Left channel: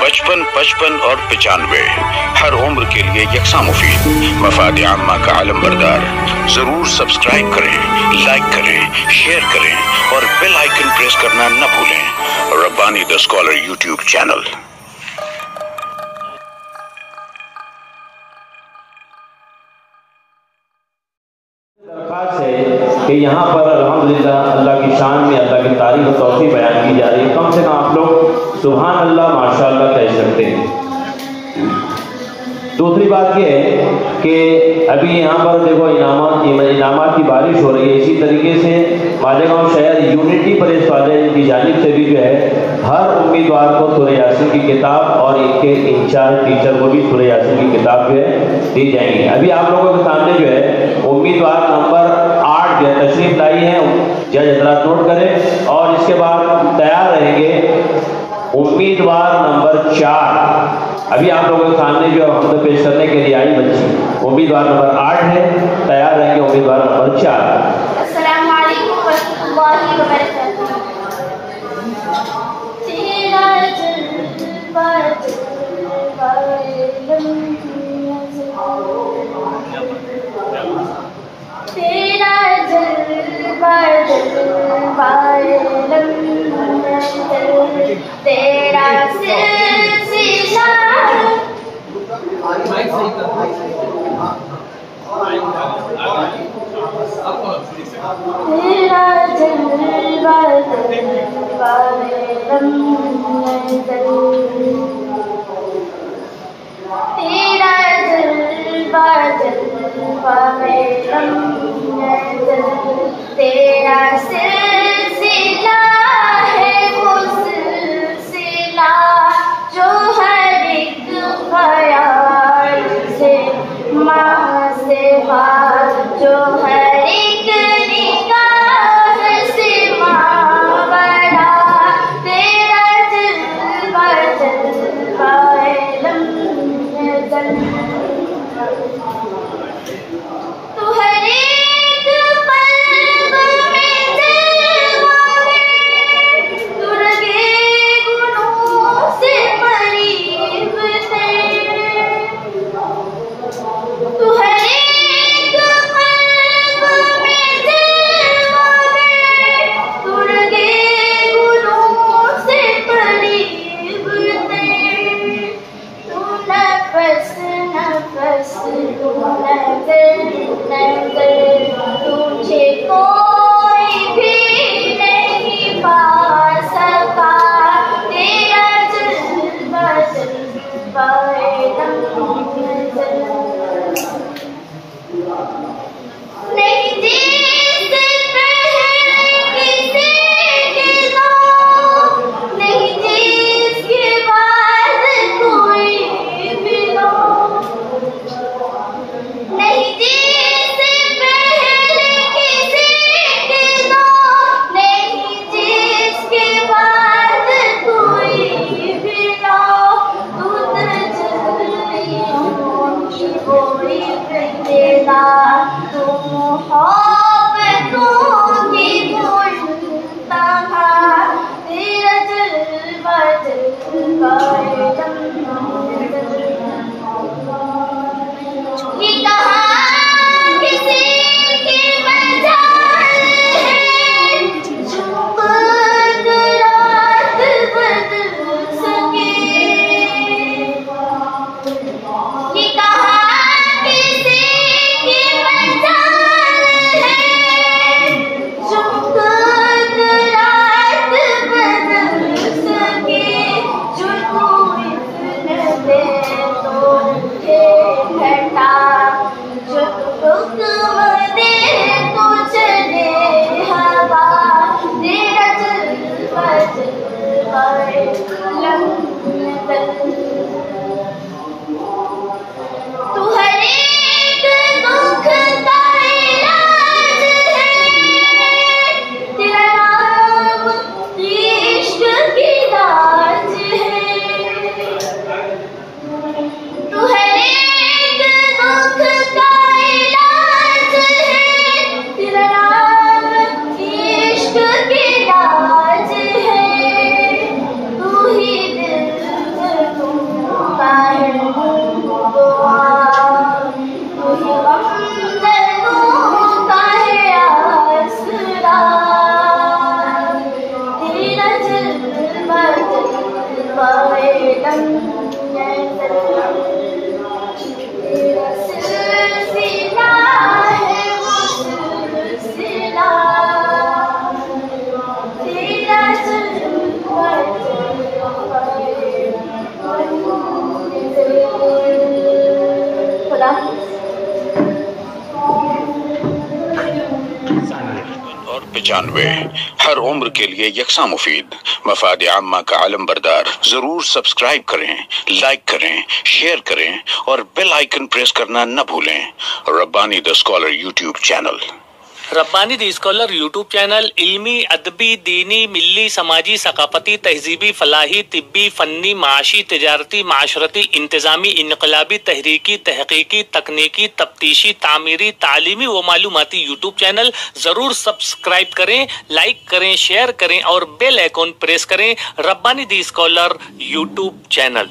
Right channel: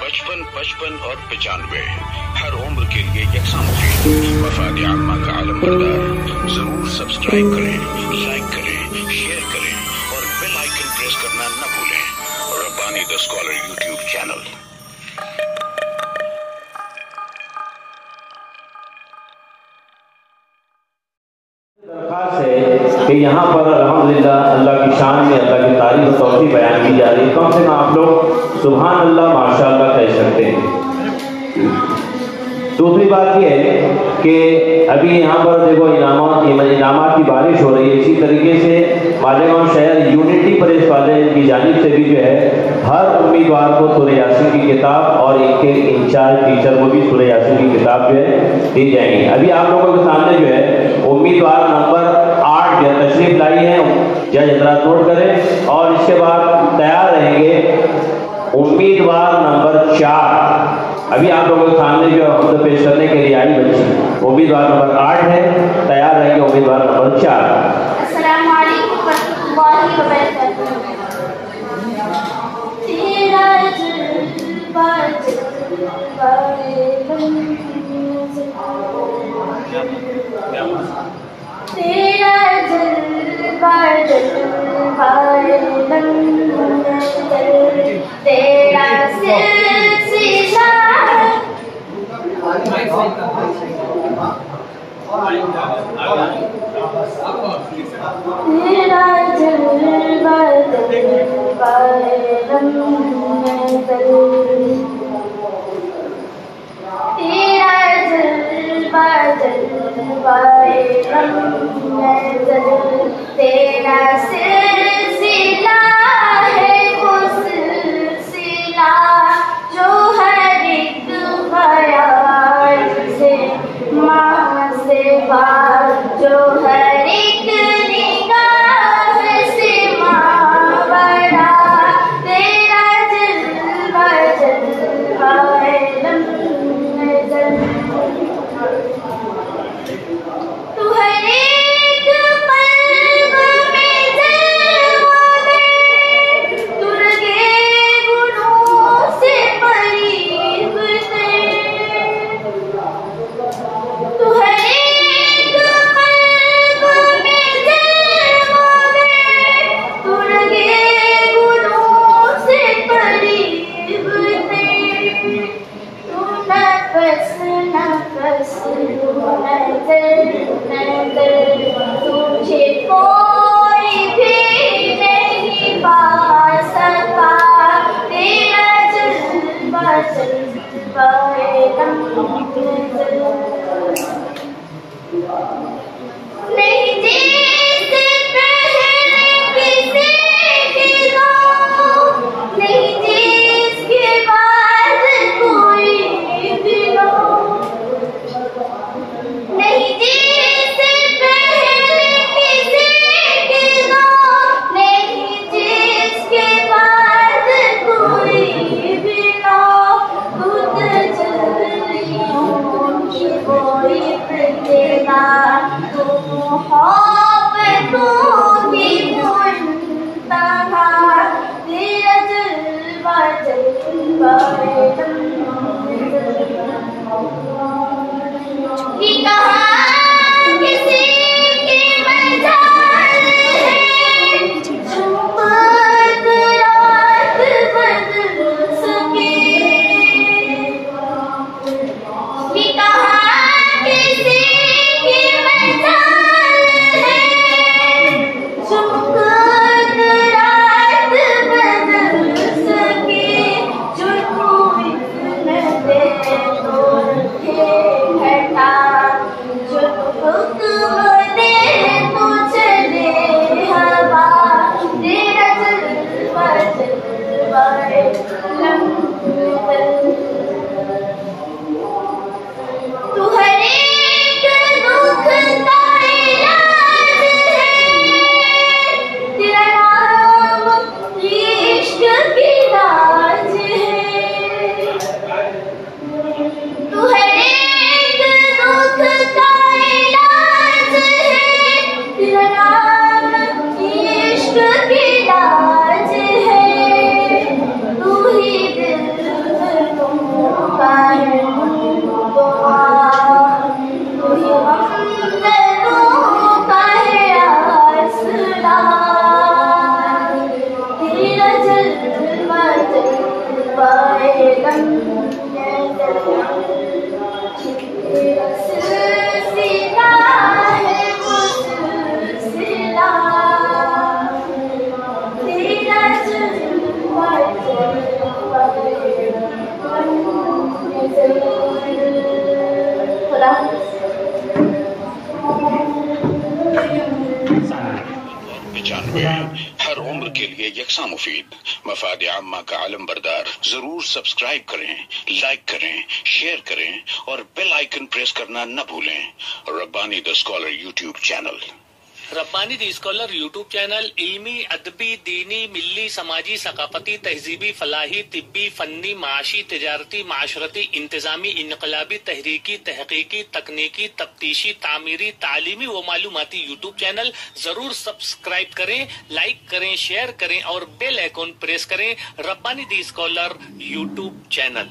55, 55 और 95 हर उम्र के लिए यकसा मुफीद। मफाद आम्मा का आलम बरदार। जरूर सब्सक्राइब करें, लाइक करें, शेयर करें और बेल आइकन प्रेस करना न भूलें। Rabbani the scholar YouTube channel. कि यहाँ पर अल्हम्दुलिल्लाह अल्लाह की शान में अल्लाह की तारीफ और तौसीफ बयान की जा रही है। कम से कम आप लोग सुभान अल्लाह माशाअल्लाह कह सकते हैं। दूसरी बात यह है कि अभी यहाँ पर देखो इनामात की बारिश हो रही है। इसी तरीके से मालेगांव शहर यूनिटी प्रेस वाले की जानिब से भी जो है हर उम्मीदवार को सूरह यासीन की किताब और इनके इंचार्ज टीचर को भी सूरह यासीन की किताब जो है दी जाएंगी। अभी आप लोगों के सामने जो है उम्मीदवार नंबर 8 जो तशरीफ लाई है, जज हजरात नोट करें। और इसके बाद तैयार रहेंगे उम्मीदवार नंबर 4। अभी आप लोगों के सामने जो हम तो पेश करने के लिए आई बच्ची उम्मीदवार नंबर 8 है, तैयार रहेंगे उम्मीदवार नंबर 4। 95। हर उम्र के लिए यकसा मुफीद, मफाद आम्मा का आलम बरदार। जरूर सब्सक्राइब करें, लाइक करें, शेयर करें और बेल आइकन प्रेस करना न भूलें। Rabbani the scholar YouTube channel. Rabbani the scholar YouTube channel इल्मी, अदबी, दीनी, मिल्ली, समाजी, सकाफती, तहजीबी, फलाही, तिब्बी, फन्नी, माशी, तिजारती, माशरती, इंतजामी, इनकलाबी, तहरीकी, तहकीकी, तकनीकी, तफ्तीशी, तामीरी, तालीमी व मालूमाती यूट्यूब चैनल। जरूर सब्सक्राइब करें, लाइक करें, शेयर करें और बेल आइकॉन प्रेस करें। Rabbani the scholar YouTube channel.